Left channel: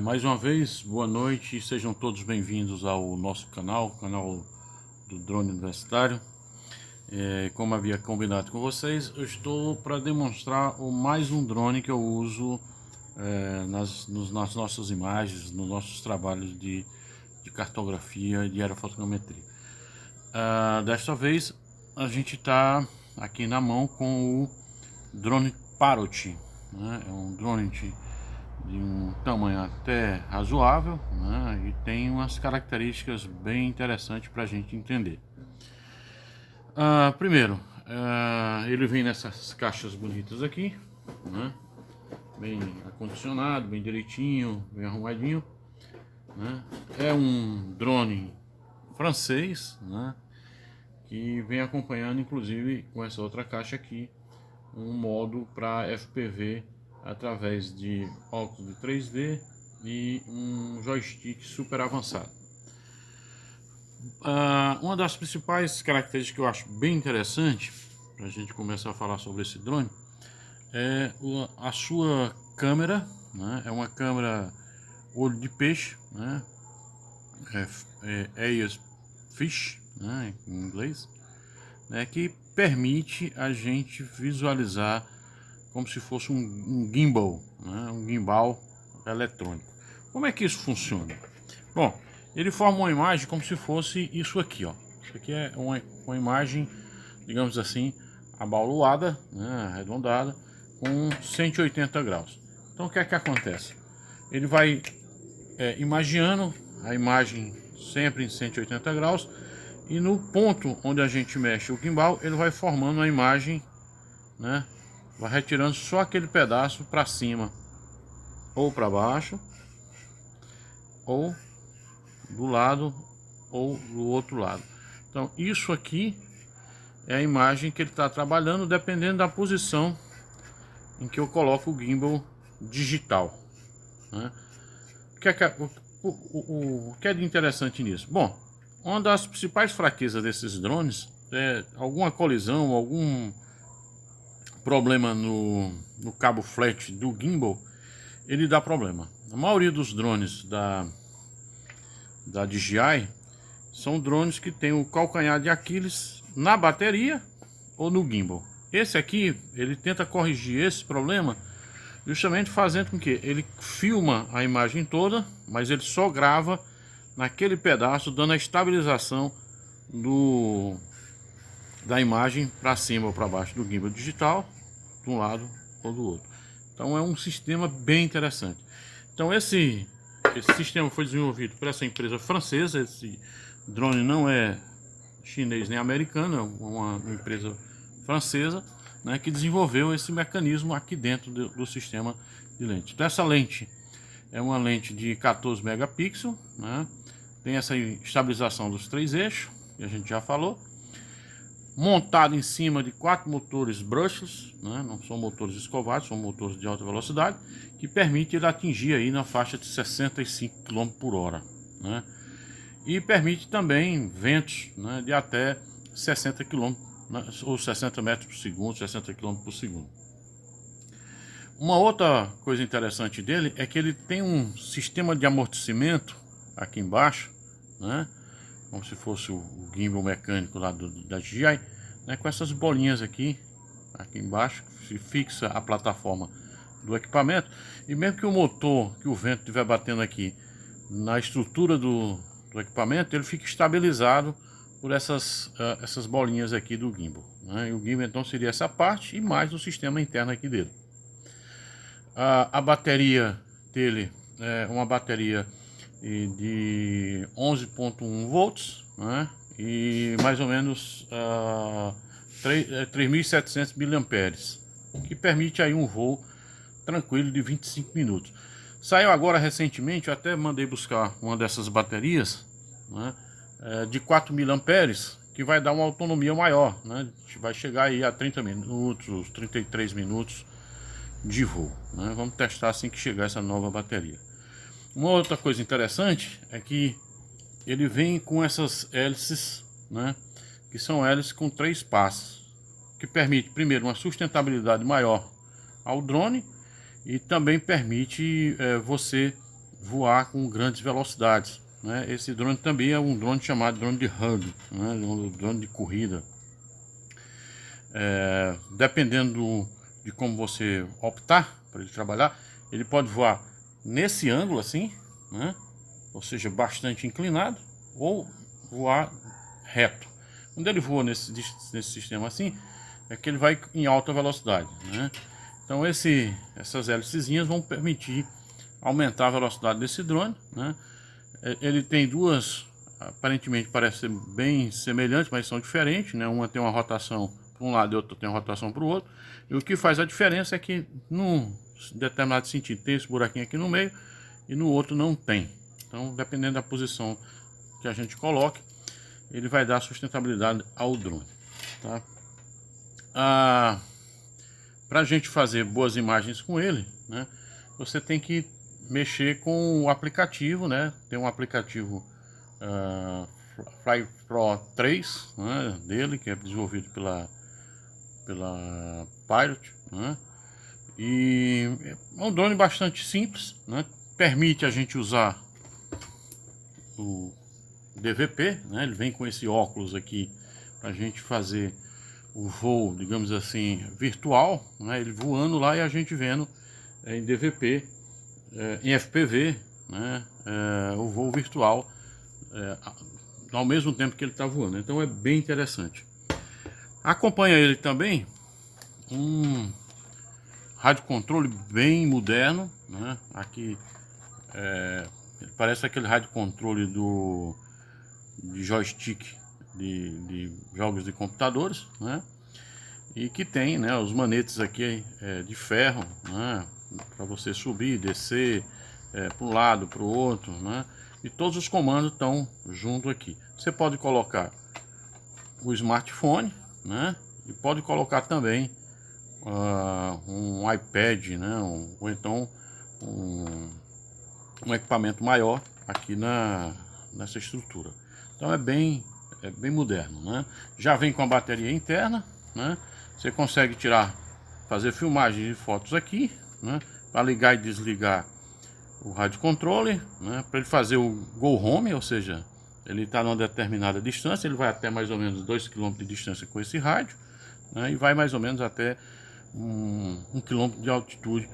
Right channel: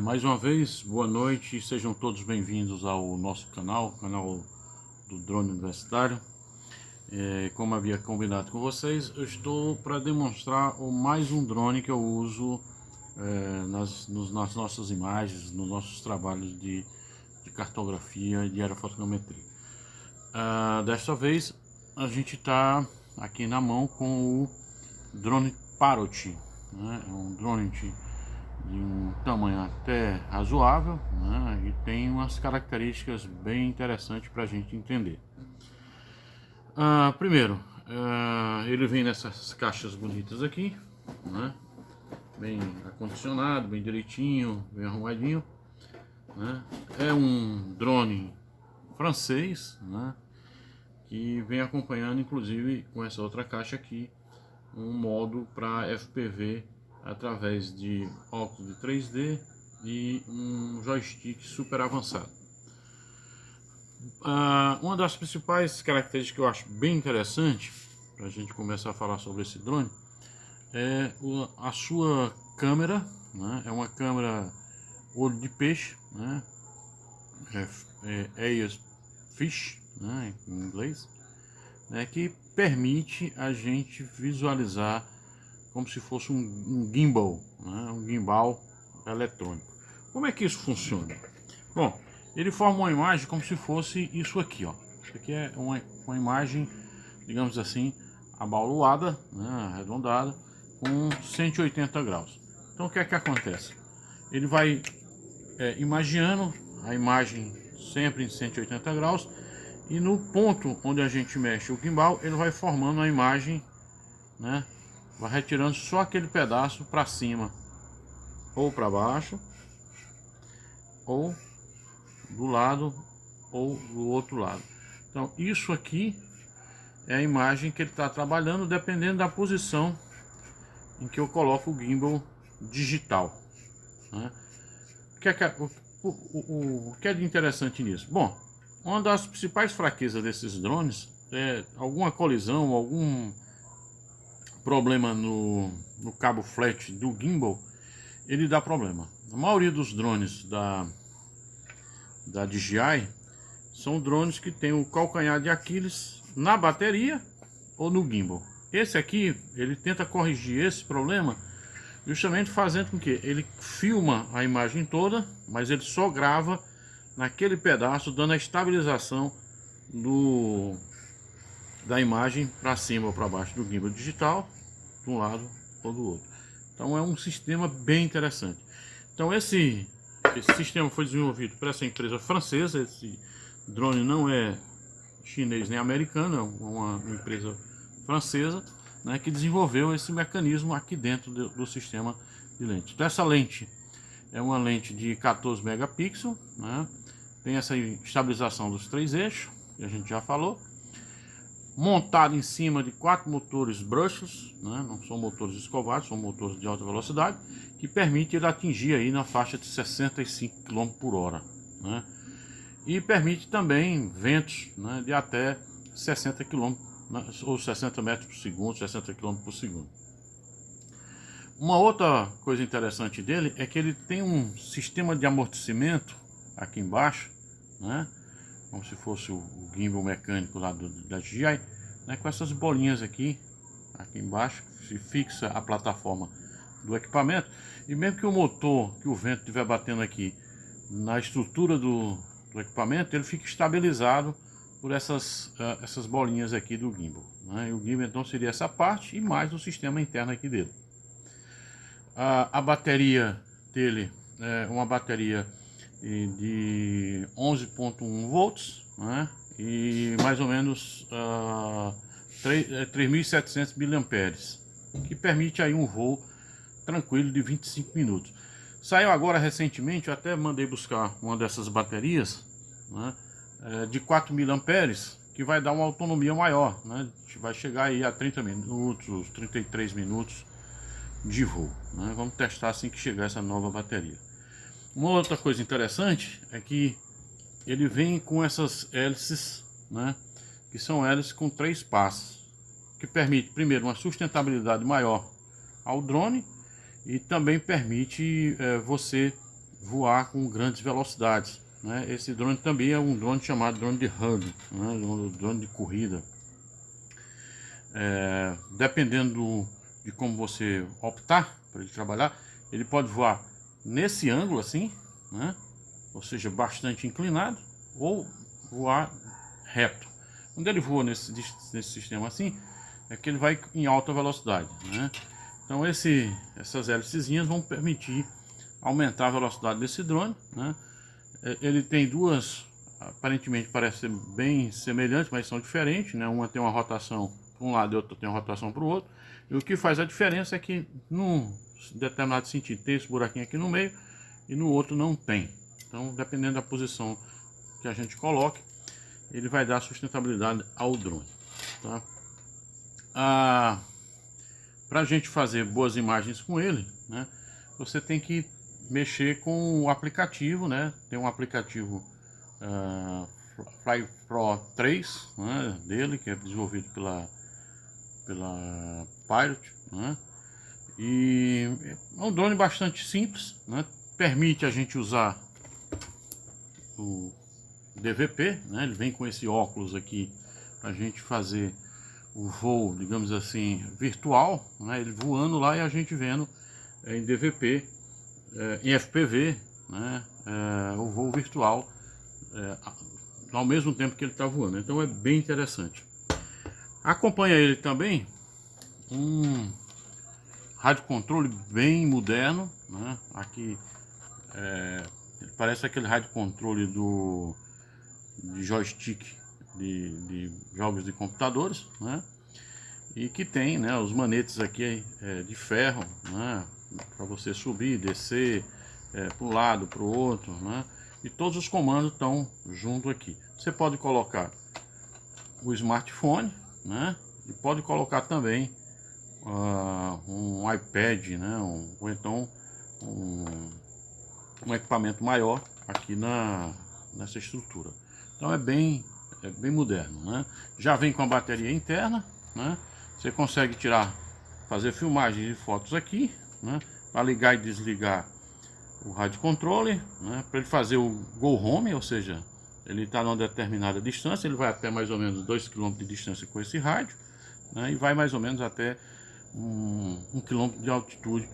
Mais uma vez, boa noite, sejam todos bem-vindos ao nosso canal do Drone Universitário. Como havia combinado com vocês, eu estou para demonstrar mais um drone que eu uso nas nossas imagens, nos nossos trabalhos de cartografia de aerofotogrametria. Desta vez, a gente está aqui na mão com o drone Parrot, né? É um drone de um tamanho até razoável, né? E tem umas características bem interessantes para a gente entender. Primeiro, ele vem nessas caixas bonitas aqui, né? Bem acondicionado, bem direitinho, bem arrumadinho, né? É um drone francês, né? Que vem acompanhando, inclusive, com essa outra caixa aqui, um modo para FPV através de óculos de 3D e um joystick super avançado. Uma das principais características que eu acho bem interessante para a gente começar a falar sobre esse drone é a sua câmera, né? É uma câmera olho de peixe, né? Eyes Fish, né? Em inglês, né? Que permite a gente visualizar como se fosse um gimbal, né? Um gimbal eletrônico. Como é que isso funciona? Bom, ele forma uma imagem como se fosse isso aqui, ó. Isso aqui é uma imagem, digamos assim, abaulada, né? Arredondada, com 180 graus. Então o que é que acontece? Ele vai imaginando a imagem sempre em 180 graus, e no ponto onde a gente mexe o gimbal, ele vai formando a imagem, né? Vai retirando só aquele pedaço para cima ou para baixo, ou do lado ou do outro lado. Então isso aqui é a imagem que ele está trabalhando, dependendo da posição em que eu coloco o gimbal digital, né? O que é de interessante nisso? Bom, uma das principais fraquezas desses drones é alguma colisão, algum problema no cabo flat do gimbal, ele dá problema. A maioria dos drones da DJI são drones que tem o calcanhar de Aquiles na bateria ou no gimbal. Esse aqui, ele tenta corrigir esse problema justamente fazendo com que ele filma a imagem toda, mas ele só grava naquele pedaço, dando a estabilização da imagem para cima ou para baixo do gimbal digital, de um lado ou do outro. Então é um sistema bem interessante. Então esse sistema foi desenvolvido por essa empresa francesa. Esse drone não é chinês nem americano, é uma empresa francesa, né, que desenvolveu esse mecanismo aqui dentro do sistema de lente. Então essa lente é uma lente de 14 megapixels, né, tem essa estabilização dos 3 eixos, que a gente já falou, montado em cima de 4 motores brushless, né? Não são motores escovados, são motores de alta velocidade, que permite ele atingir aí na faixa de 65 km por hora, né? E permite também ventos, né, de até 60 km, né, ou 60 metros por segundo, 60 km por segundo. Uma outra coisa interessante dele é que ele tem um sistema de amortecimento aqui embaixo, né? Como se fosse o gimbal mecânico lá da DJI, né, com essas bolinhas aqui embaixo, se fixa a plataforma do equipamento, e mesmo que o motor, que o vento estiver batendo aqui na estrutura do equipamento, ele fica estabilizado por essas bolinhas aqui do gimbal, né? E o gimbal então seria essa parte e mais o sistema interno aqui dele. A bateria dele é uma bateria de 11.1 volts, né? E mais ou menos 3.700 miliamperes, que permite aí um voo tranquilo de 25 minutos. Saiu agora recentemente, eu até mandei buscar uma dessas baterias, né, de 4.000 amperes, que vai dar uma autonomia maior, né? Vai chegar aí a 30 minutos, 33 minutos de voo, né? Vamos testar assim que chegar essa nova bateria. Uma outra coisa interessante é que ele vem com essas hélices, né, que são hélices com 3 passos, que permite primeiro uma sustentabilidade maior ao drone e também permite você voar com grandes velocidades, né? Esse drone também é um drone chamado drone de hub, né? Um drone de corrida. Dependendo de como você optar para ele trabalhar, ele pode voar nesse ângulo assim, né? Ou seja, bastante inclinado, ou voar reto. Quando ele voa nesse sistema assim, é que ele vai em alta velocidade, né? Então essas hélicezinhas vão permitir aumentar a velocidade desse drone, né? Ele tem duas, aparentemente parece ser bem semelhantes, mas são diferentes, né? Uma tem uma rotação para um lado e outra tem uma rotação para o outro. E o que faz a diferença é que num determinado sentido tem esse buraquinho aqui no meio e no outro não tem. Então, dependendo da posição que a gente coloque, ele vai dar sustentabilidade ao drone, tá? Para a gente fazer boas imagens com ele, né, você tem que mexer com o aplicativo, né? Tem um aplicativo Fly Pro 3, né, dele, que é desenvolvido pela Pilot, né? E é um drone bastante simples, né? Permite a gente usar o DVP, né? Ele vem com esse óculos aqui para a gente fazer o voo, digamos assim, virtual, né? Ele voando lá e a gente vendo em DVP, em FPV, né? O voo virtual ao mesmo tempo que ele está voando. Então é bem interessante. Acompanha ele também um rádio controle bem moderno, né? Aqui parece aquele rádio controle de joystick de jogos de computadores, né? E que tem, né, os manetes aqui de ferro, né, para você subir, descer para um lado, para o outro, né? E todos os comandos estão junto aqui. Você pode colocar o smartphone, né? E pode colocar também um iPad, né? Ou então um equipamento maior aqui nessa estrutura. Então é bem moderno, né? Já vem com a bateria interna, né? Você consegue fazer filmagens de fotos aqui, né? Para ligar e desligar o rádio controle, né? Para ele fazer o Go Home, ou seja, ele está numa determinada distância, ele vai até mais ou menos 2 km de distância com esse rádio, né? E vai mais ou menos até 1 km de altitude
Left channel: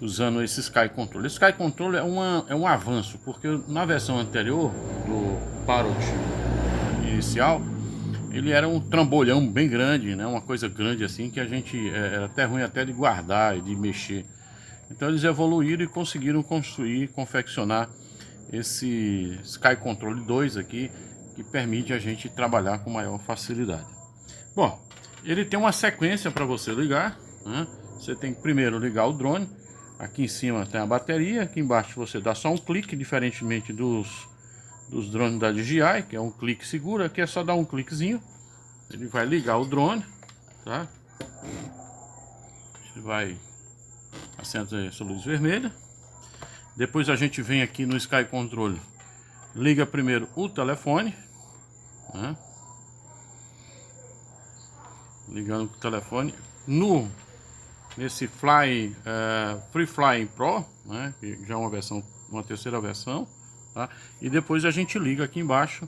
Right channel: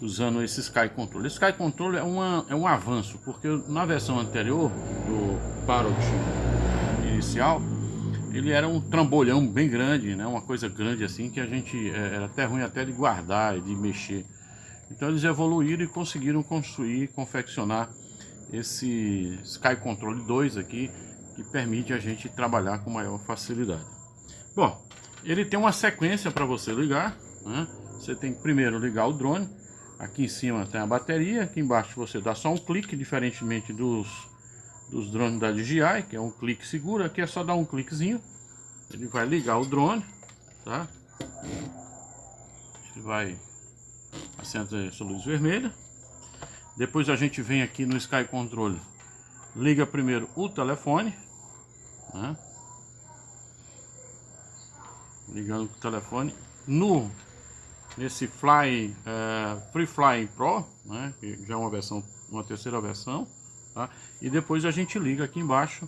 usando esse Sky Control. Esse Sky Control é um avanço, porque na versão anterior do Parrot inicial, ele era um trambolhão bem grande, né? Uma coisa grande assim que a gente era até ruim até de guardar e de mexer. Então eles evoluíram e conseguiram construir, confeccionar esse Sky Control 2 aqui, que permite a gente trabalhar com maior facilidade. Bom, ele tem uma sequência para você ligar, né? Você tem que primeiro ligar o drone. Aqui em cima tem a bateria, aqui embaixo você dá só um clique, diferentemente dos drones da DJI, que é um clique seguro. Aqui é só dar um cliquezinho, ele vai ligar o drone, tá? Ele vai acender essa luz vermelha. Depois a gente vem aqui no Sky Control, liga primeiro o telefone, né? Ligando o telefone nesse Free Fly Pro, né? Que já é uma terceira versão, tá? E depois a gente liga aqui embaixo,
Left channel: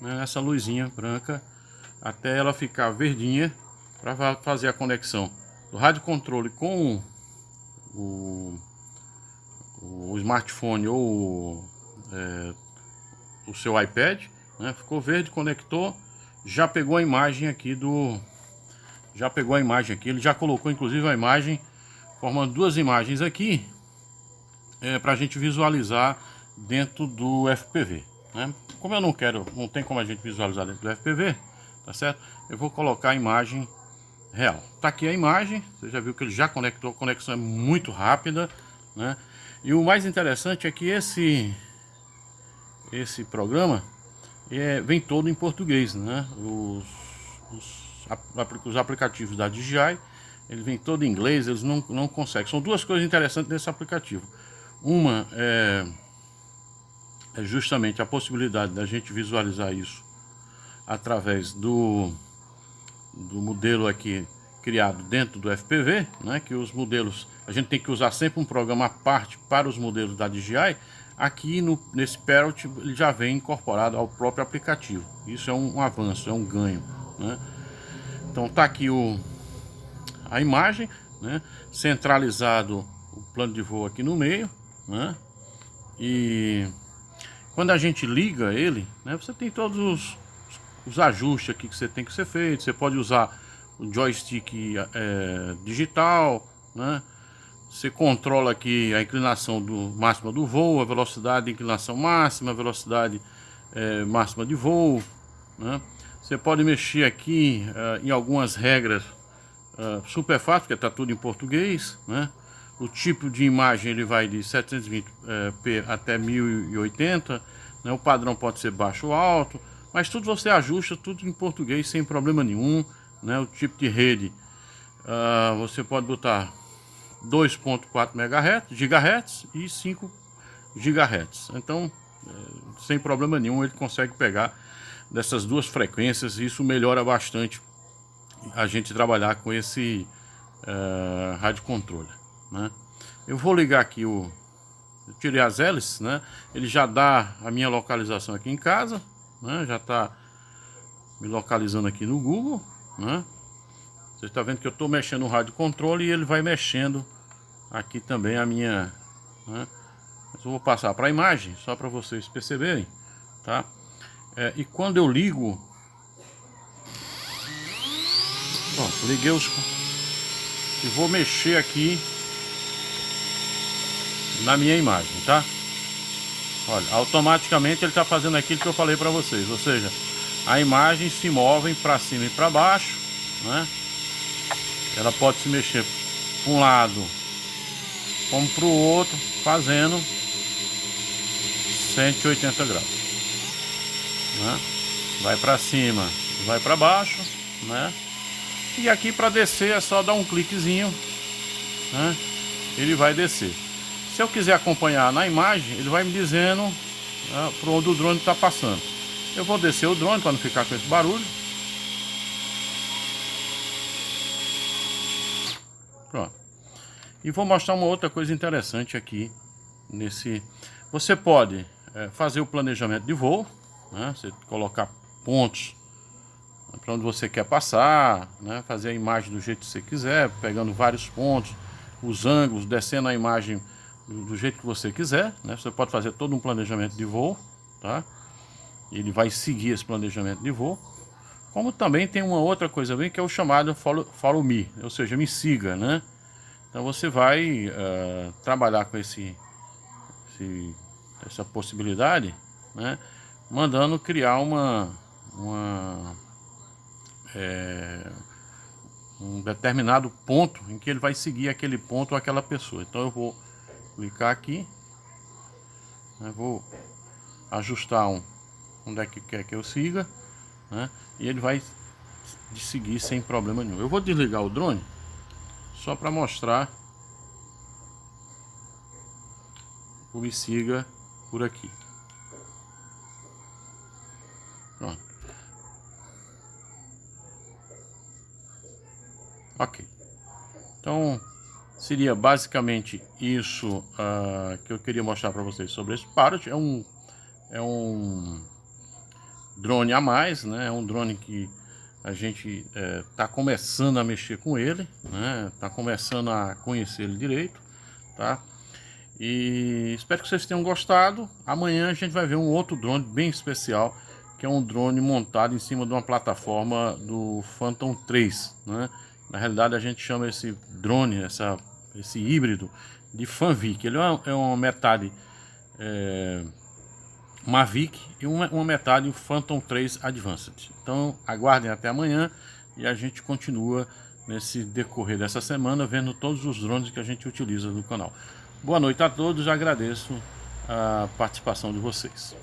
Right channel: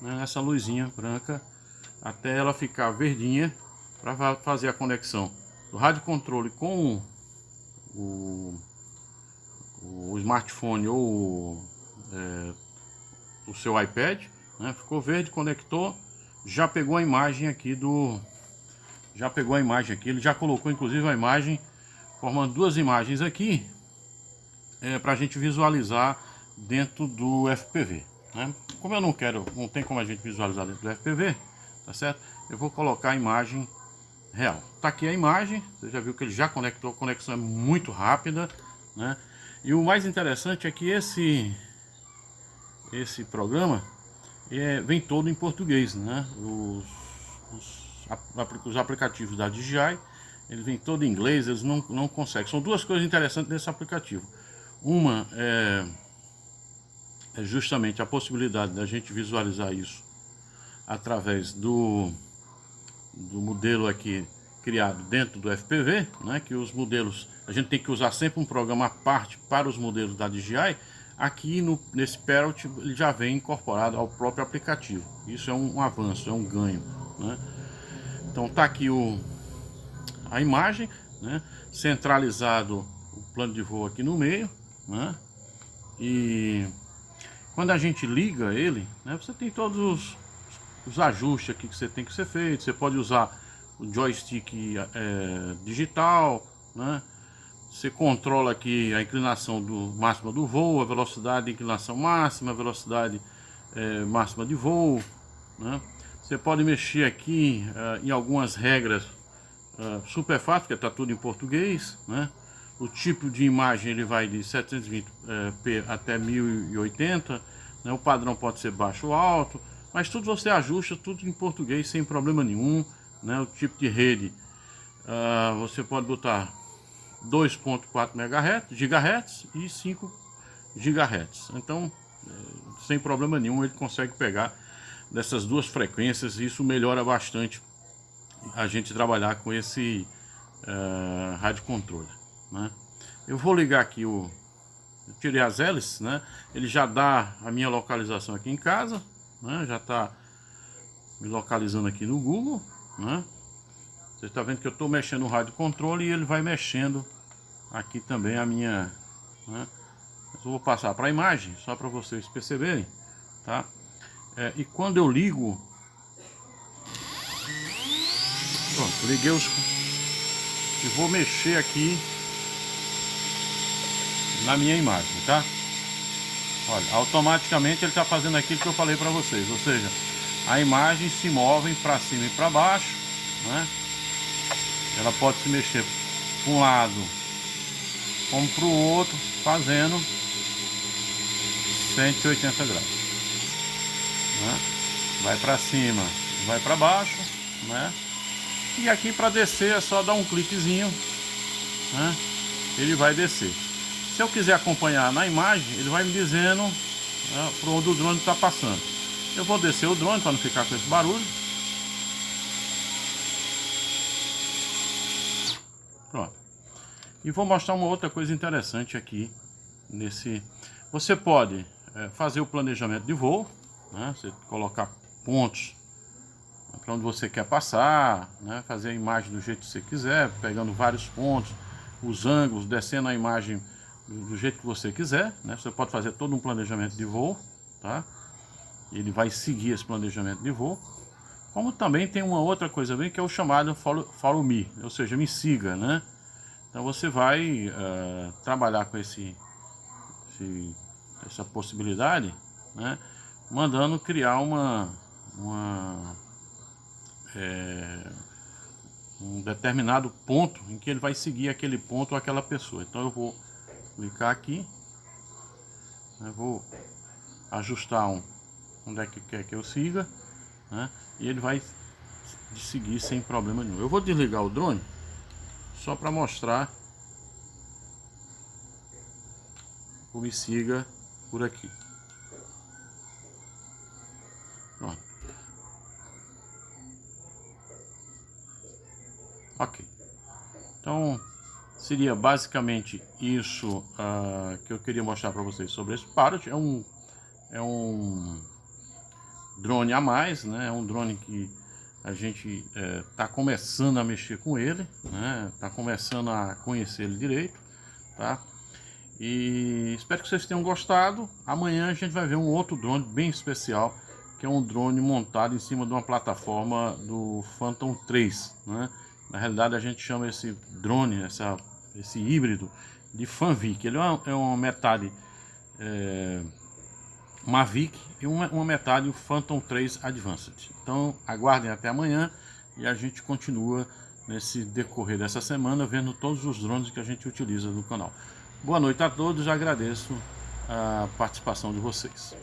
né, essa luzinha branca até ela ficar verdinha para fazer a conexão do rádio controle com o smartphone ou o seu iPad, né? Ficou verde, conectou, já pegou a imagem aqui ele já colocou inclusive a imagem, formando duas imagens aqui para a gente visualizar dentro do FPV, né? Como eu não tem como a gente visualizar dentro do FPV, tá certo? Eu vou colocar a imagem real. Tá aqui a imagem, você já viu que ele já conectou, a conexão é muito rápida, né? E o mais interessante é que esse programa vem todo em português, né? Os aplicativos da DJI, ele vem todo em inglês, eles não conseguem. São duas coisas interessantes nesse aplicativo. Uma é justamente a possibilidade da gente visualizar isso através do modelo aqui, criado dentro do FPV, né, que os modelos, a gente tem que usar sempre um programa à parte para os modelos da DJI. Aqui nesse Parrot ele já vem incorporado ao próprio aplicativo. Isso é um avanço, é um ganho, né? Então tá aqui a imagem, né, centralizado o plano de voo aqui no meio, né? E quando a gente liga ele, né, você tem todos os ajustes aqui que você tem que ser feito. Você pode usar o joystick digital, né? Você controla aqui a inclinação máxima do voo, a velocidade de inclinação máxima, a velocidade máxima de voo, né? Você pode mexer aqui em algumas regras super fácil, porque está tudo em português, né? O tipo de imagem ele vai de 720p até 1080, né? O padrão pode ser baixo ou alto, mas tudo você ajusta, tudo em português sem problema nenhum, né? O tipo de rede, você pode botar 2.4 GHz e 5 GHz. Então, sem problema nenhum, ele consegue pegar dessas duas frequências, e isso melhora bastante a gente trabalhar com esse rádio controle, né? Eu vou ligar aqui eu tirei as hélices, né? Ele já dá a minha localização aqui em casa, né? Já está me localizando aqui no Google, né? Você está vendo que eu estou mexendo no rádio controle e ele vai mexendo aqui também a minha, né? Eu vou passar para a imagem só para vocês perceberem, tá? E quando eu ligo, pronto, liguei e vou mexer aqui na minha imagem, tá? Olha, automaticamente ele está fazendo aquilo que eu falei para vocês, ou seja, a imagem se move para cima e para baixo, né? Ela pode se mexer para um lado como para o outro, fazendo 180 graus, né? Vai para cima, vai para baixo, né? E aqui para descer é só dar um cliquezinho, né? Ele vai descer. Se eu quiser acompanhar na imagem, ele vai me dizendo, né, por onde o drone está passando. Eu vou descer o drone para não ficar com esse barulho. Pronto. E vou mostrar uma outra coisa interessante aqui nesse. Você pode fazer o planejamento de voo, né? Você colocar pontos para onde você quer passar, né? Fazer a imagem do jeito que você quiser, pegando vários pontos, os ângulos, descendo a imagem do jeito que você quiser, né? Você pode fazer todo um planejamento de voo, tá? Ele vai seguir esse planejamento de voo. Como também tem uma outra coisa bem que é o chamado follow me, ou seja, me siga, né? Então você vai trabalhar com essa possibilidade, né? Mandando criar um determinado ponto em que ele vai seguir aquele ponto ou aquela pessoa. Então eu vou clicar aqui, né? Vou ajustar onde é que quer que eu siga, né? E ele vai seguir sem problema nenhum. Eu vou desligar o drone só para mostrar o me siga por aqui. Pronto. Ok. Então seria basicamente isso que eu queria mostrar para vocês sobre esse Parrot. É um drone a mais, né? É um drone que a gente está começando a mexer com ele, né? Tá começando a conhecer ele direito, tá? E espero que vocês tenham gostado. Amanhã a gente vai ver um outro drone bem especial, que é um drone montado em cima de uma plataforma do Phantom 3, né? Na realidade a gente chama esse drone, esse híbrido, de Fanvic. Ele é uma metade Mavic e uma metade o Phantom 3 Advanced. Então aguardem até amanhã e a gente continua nesse decorrer dessa semana vendo todos os drones que a gente utiliza no canal. Boa noite a todos, agradeço a participação de vocês.